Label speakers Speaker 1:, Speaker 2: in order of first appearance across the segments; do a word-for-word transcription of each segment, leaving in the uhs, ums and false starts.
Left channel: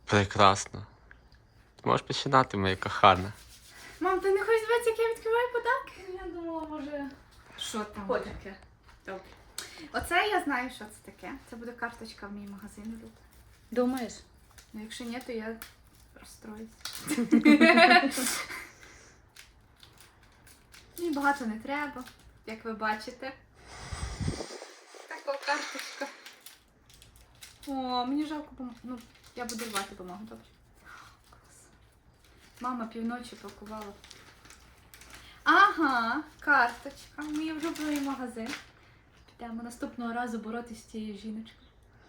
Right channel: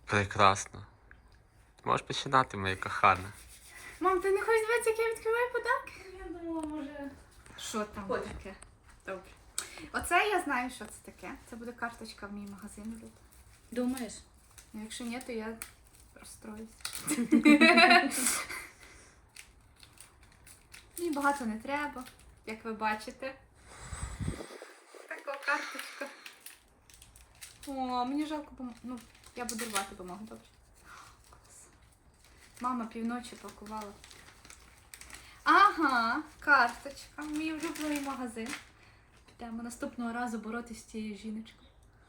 Speaker 1: Прекрасно. Ти можеш починати, моя кохана.
Speaker 2: Мам, ти не хочеш дивитися, як я відкриваю подарки?
Speaker 3: Я думала, може...
Speaker 2: Що там
Speaker 3: Ой.
Speaker 2: таке? Добре. Оце я знаю, що це таке. Це буде карточка в мій магазин. Люд.
Speaker 3: Думаєш?
Speaker 2: Ну, якщо ні, то я розстроюсь. Мені багато не треба, як ви бачите. Така карточка. О, мені жалко бумагу. Ну, я буду рвати бумагу, добре. Клас. Мама півночі пакувала. Ага, карточка. Мій улюблений магазин. Підемо наступного разу боротися з цією жіночкою.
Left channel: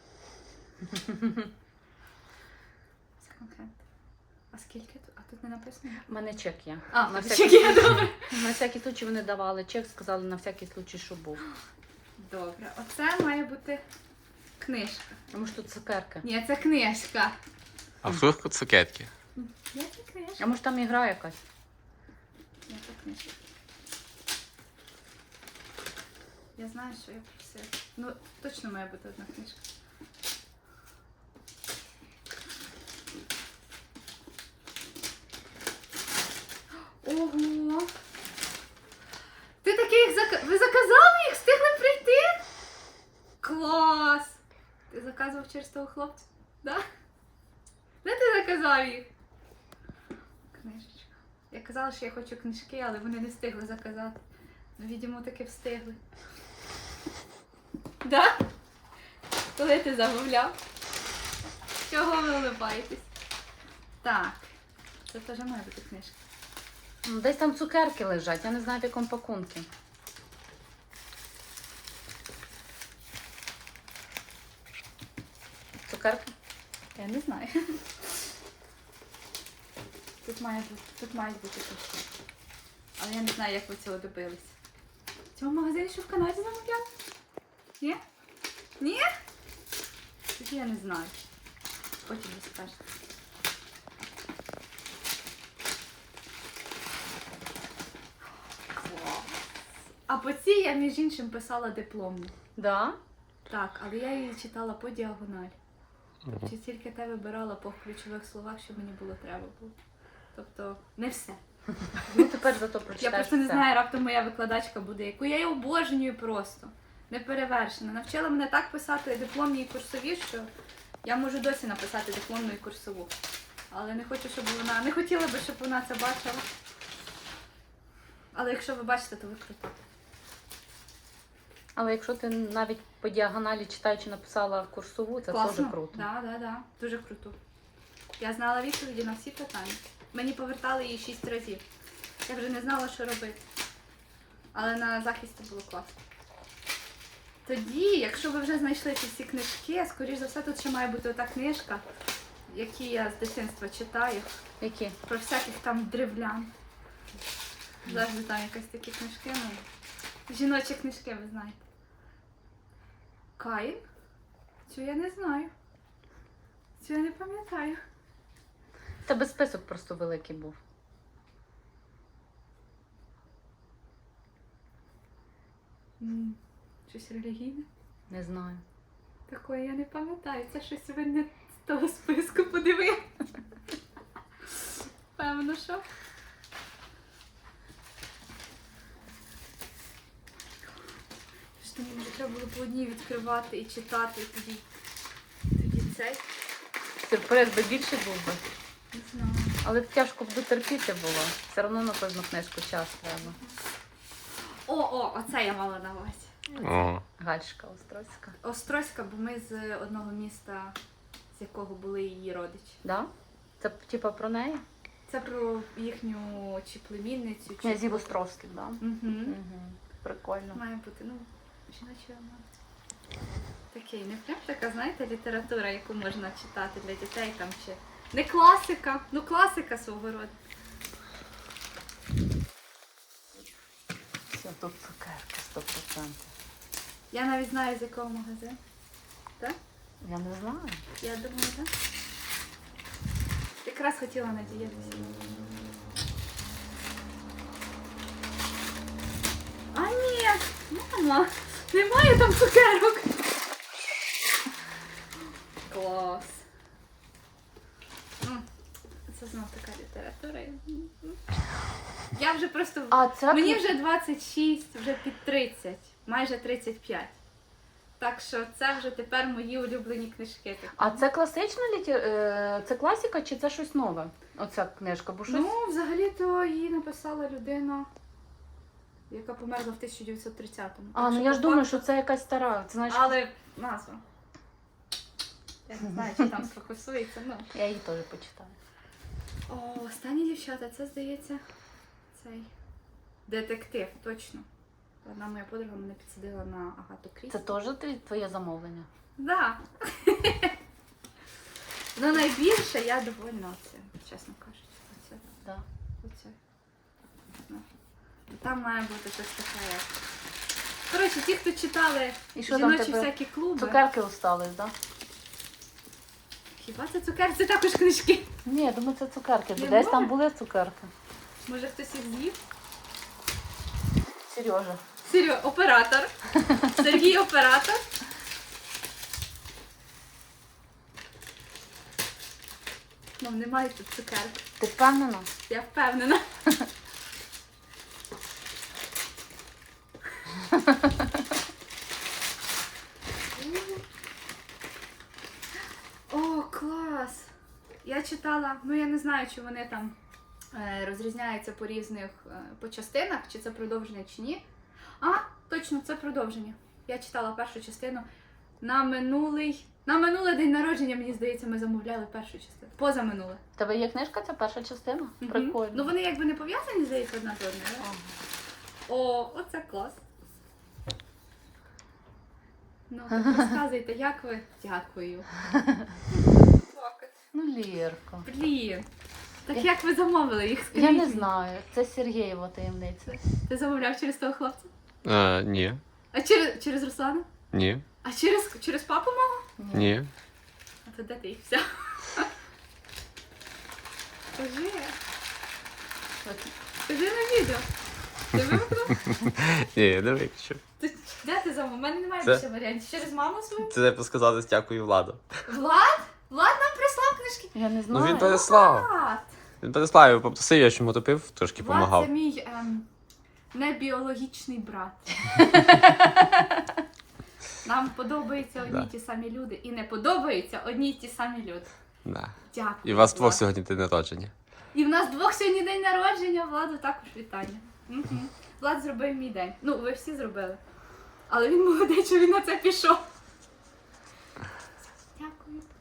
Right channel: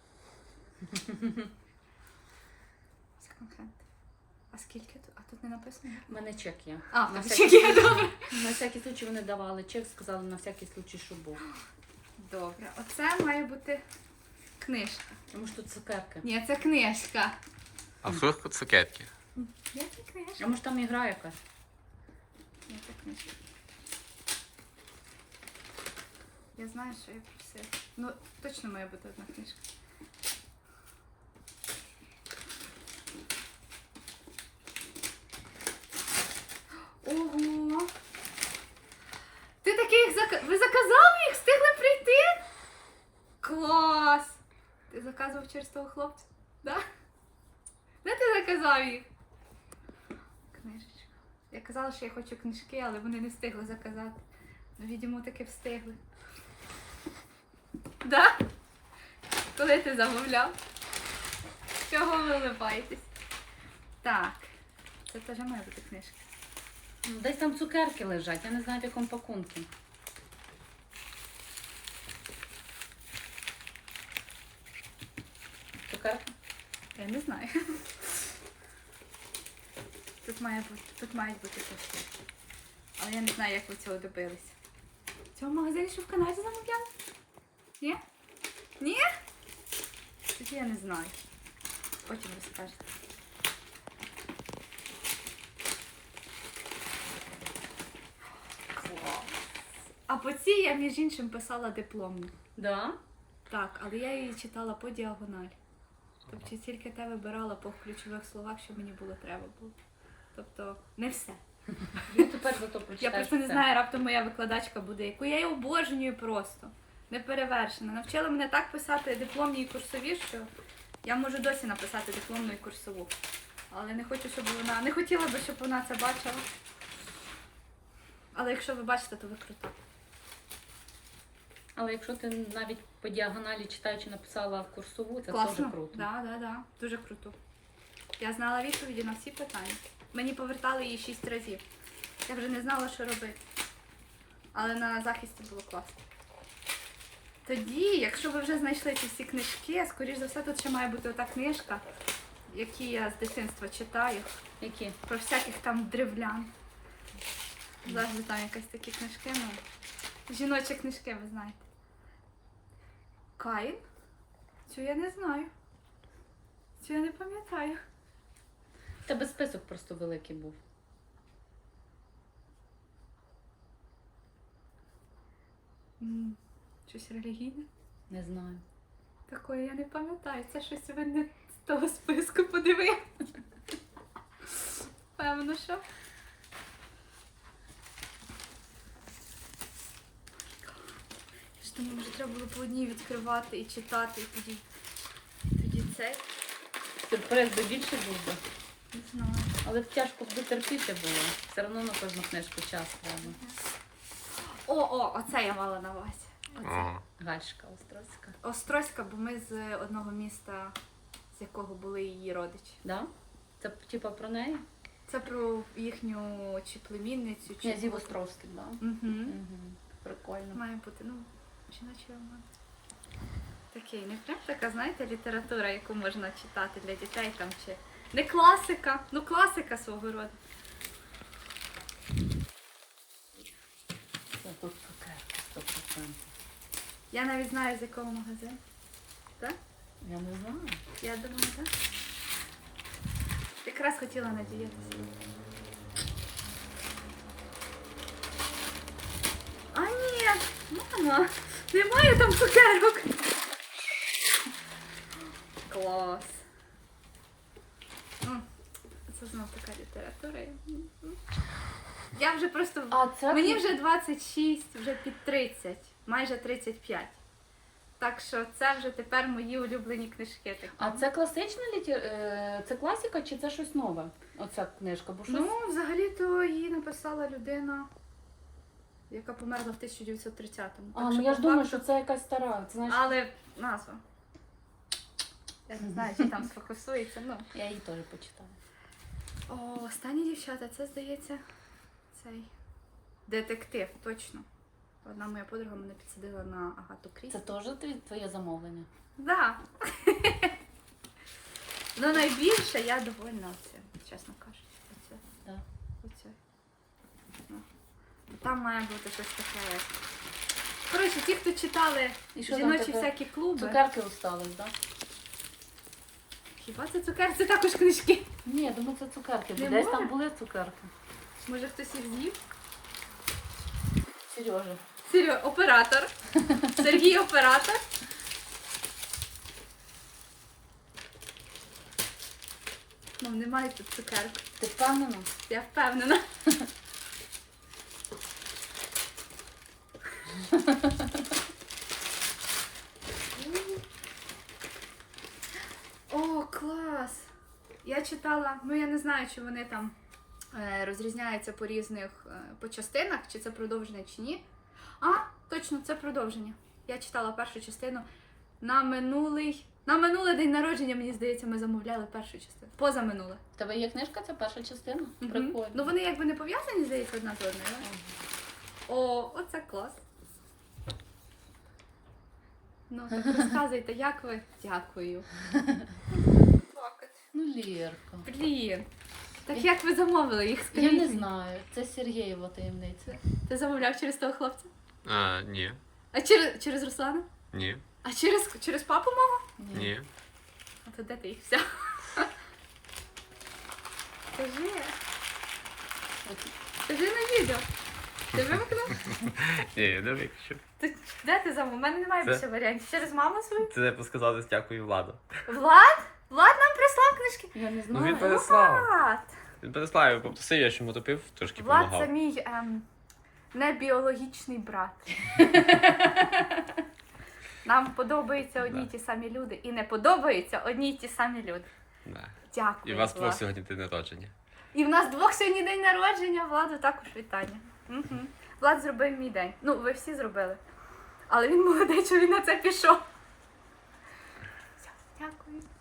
Speaker 2: Секонд-хенд. А скільки тут? А тут не написано?
Speaker 3: У мене чек є.
Speaker 2: А,
Speaker 3: на
Speaker 2: на
Speaker 3: всякий,
Speaker 2: чек є, добре.
Speaker 3: на всякий случай вони давали чек, сказали на всякий случай, що був.
Speaker 2: Добре, оце має бути книжка.
Speaker 3: Тому що тут цукерки.
Speaker 2: Ні, це книжка.
Speaker 1: А вдруг цукерки?
Speaker 2: Які книжка?
Speaker 3: А може там ігра якась?
Speaker 2: Ні, це книжка. Я знаю, що я просила. Ну, точно має бути одна книжка. Ого! Ти таких зак... Ви заказали їх? Встигли прийти? Клас! Ти заказував через того хлопця? Да? Де ти заказав їх? Книжечка. Я казала, що я хочу книжки, але вони не встигли заказати. Ну, відомо, таки встигли. Да? Коли ти замовляв? Чого ви улибаєтесь? Так. Це теж має бути книжка.
Speaker 3: Ну, десь там цукерки лежать, я не знаю в якому пакунку. Цукерки?
Speaker 2: Я не знаю. Тут має бути, тут мають бути книжки. Але я не знаю, як ви цього добилися. В цьому магазині, що в Канаді замовляли? Ні? Ні? Тоді я не знаю. Потім розкажете. Клас. А по цій я, між іншим, писала дипломну.
Speaker 3: Да?
Speaker 2: Так, але я її читала по діагоналі. Тобто тільки те вибирала по ключових словах, що мені було треба було. Тобто не все.
Speaker 3: Ну тепер зато прочитаєш.
Speaker 2: Я просто не
Speaker 3: все.
Speaker 2: знаю, раптом моя викладачка буде, яку я її обожнюю просто. Неперевершена. Навчила мене так писати дипломні і курсові, що я можу досі написати дипломну і курсову. Але не хочу, щоб вона. Не хотіла би, щоб вона це бачила. Але якщо ви бачите, то ви крута.
Speaker 3: Але якщо ти навіть по діагоналі читаючи написала в курсову, це
Speaker 2: Класно.
Speaker 3: дуже круто.
Speaker 2: Да, да, да. Дуже круто. Я знала відповіді на всі питання. Мені повертали її шість разів. Я вже не знала, що робити. Але на захисті було класно. Тоді, якщо ви вже знайшли ці всі книжки, скоріш за все, тут ще має бути ота книжка, які я з дитинства читаю.
Speaker 3: Які?
Speaker 2: Про всяких там древлян. Завжди там якісь такі книжки, ну. Жіночі книжки, ви знаєте. Каїн? Цю я не знаю. Цю я не пам'ятаю.
Speaker 3: В тебе список просто великий був.
Speaker 2: М, Щось релігійне?
Speaker 3: Не знаю.
Speaker 2: Такої я не пам'ятаю. Це щось ви не з того списку подивили. Певно, що. Що мені вже треба було по одній відкривати і читати, і тоді, тоді цей.
Speaker 3: Сюрприз би більше був би.
Speaker 2: Не знаю.
Speaker 3: Але тяжко б терпіти було. Все одно на кожну книжку час треба.
Speaker 2: О, о, оце я мала на увазі.
Speaker 1: О,
Speaker 3: Гальшка Острозька.
Speaker 2: Острозька, бо ми з одного міста, з якого були її родичі.
Speaker 3: Да? Це типа про неї?
Speaker 2: Це про їхню чи племінницю, чи
Speaker 3: Князів
Speaker 2: кого.
Speaker 3: Острозьких, да?
Speaker 2: Угу.
Speaker 3: Угу. Прикольно.
Speaker 2: Має бути, ну, жіночий роман. Такий, не прям така, знаєте, література, яку можна читати для дітей там чи. Не класика, ну класика свого роду.
Speaker 3: Це тут цукерки, сто процентів.
Speaker 2: Я навіть знаю, з якого магазину. Так?
Speaker 3: Я не знаю.
Speaker 2: Я думаю, так? Якраз хотіла надіятися. А ні, мама, немає там цукерок. Клас. така література. є. Я вже просто...
Speaker 3: А це
Speaker 2: Мені вже двадцять шість, вже під тридцять, майже тридцять п'ять. Так що це вже тепер мої улюблені книжки. Такі.
Speaker 3: А це класична літі... е, це класика чи це щось нове? Оця книжка, бо щось...
Speaker 2: Ну, взагалі-то її написала людина, яка померла в тисяча дев'ятсот тридцятому.
Speaker 3: А,
Speaker 2: Так
Speaker 3: ну
Speaker 2: що
Speaker 3: я ж
Speaker 2: по
Speaker 3: думаю,
Speaker 2: факту-
Speaker 3: що це якась стара. Це, знаєш,
Speaker 2: Але назва. Я не знаю, чи там сфокусується. Ну.
Speaker 3: я її теж почитаю.
Speaker 2: О, останні дівчата, це здається цей детектив, точно. Одна моя подруга мене підсадила на Агату Крісті.
Speaker 3: Це теж тві- твоє замовлення?
Speaker 2: Да. Ну найбільше я довольна оцим, чесно кажучи. Оце.
Speaker 3: Так.
Speaker 2: Оце. Ну. Там має бути щось таке. як- Коротше, ті, хто читали
Speaker 3: І що там
Speaker 2: жіночі
Speaker 3: тепер?
Speaker 2: всякі клуби.
Speaker 3: Цукерки остались, так? Да?
Speaker 2: Хіба це цукерки? Це також книжки.
Speaker 3: Ні, я думаю, це цукерки.
Speaker 2: Не
Speaker 3: Десь
Speaker 2: може?
Speaker 3: там були цукерки.
Speaker 2: Може хтось їх з'їв?
Speaker 3: Сережа.
Speaker 2: Серйо, оператор. Сергій оператор. Ну, немає тут цукерок.
Speaker 3: Ти впевнена?
Speaker 2: Я впевнена. О, клас! Я читала, ну я не знаю, чи вони там е, розрізняються по різних е, по частинах, чи це продовження, чи ні. А, точно, це продовження. Я читала першу частину на минулий. На минулий день народження, мені здається, ми замовляли першу частину. Позаминуле.
Speaker 3: В тебе є книжка, це перша частина?
Speaker 2: Мгм.
Speaker 3: Прикольно.
Speaker 2: Ну вони якби не пов'язані, здається, одна з одною. да?
Speaker 3: Ага.
Speaker 2: О, оце клас. Ну, так розказуйте, як ви? Дякую. Плакати.
Speaker 3: Ну, Лєрка.
Speaker 2: Блін. Так як ви замовили їх?
Speaker 3: Я
Speaker 2: Скажіть
Speaker 3: не
Speaker 2: мені.
Speaker 3: знаю. Це Сергієва таємниця.
Speaker 2: Ти замовляв через того хлопця?
Speaker 1: А, ні.
Speaker 2: А через, через Руслана?
Speaker 1: Ні.
Speaker 2: А через, через папу мого?
Speaker 1: Ні.
Speaker 2: А то де ти їх взяв? Скажи. Скажи на відео. Ти вимкнув?
Speaker 1: Ні, я не виключив.
Speaker 2: Ти, де ти замовив? У мене немає
Speaker 1: Це-
Speaker 2: більше варіантів. Через маму свою?
Speaker 1: Це треба сказати дякую Владу.
Speaker 2: Влад? Влад нам прислав книжки?
Speaker 3: Я не
Speaker 1: Ну
Speaker 3: знаю.
Speaker 1: він переслав.
Speaker 2: Влад!
Speaker 1: Він переслав, я попросив, я ж йому топив, трошки
Speaker 2: Влад це
Speaker 1: допомагав.
Speaker 2: мій ем, небіологічний брат. Нам подобаються одні й
Speaker 1: Да.
Speaker 2: ті самі люди і не подобаються одні й ті самі люди.
Speaker 1: Да.
Speaker 2: Дякую.
Speaker 1: І у вас
Speaker 2: Влад.
Speaker 1: двох сьогодні день народження.
Speaker 2: І в нас двох сьогодні день народження, Владу також вітання. Угу. Влад зробив мій день. Ну, ви всі зробили. Але він молодий, що він на це пішов. Дякую.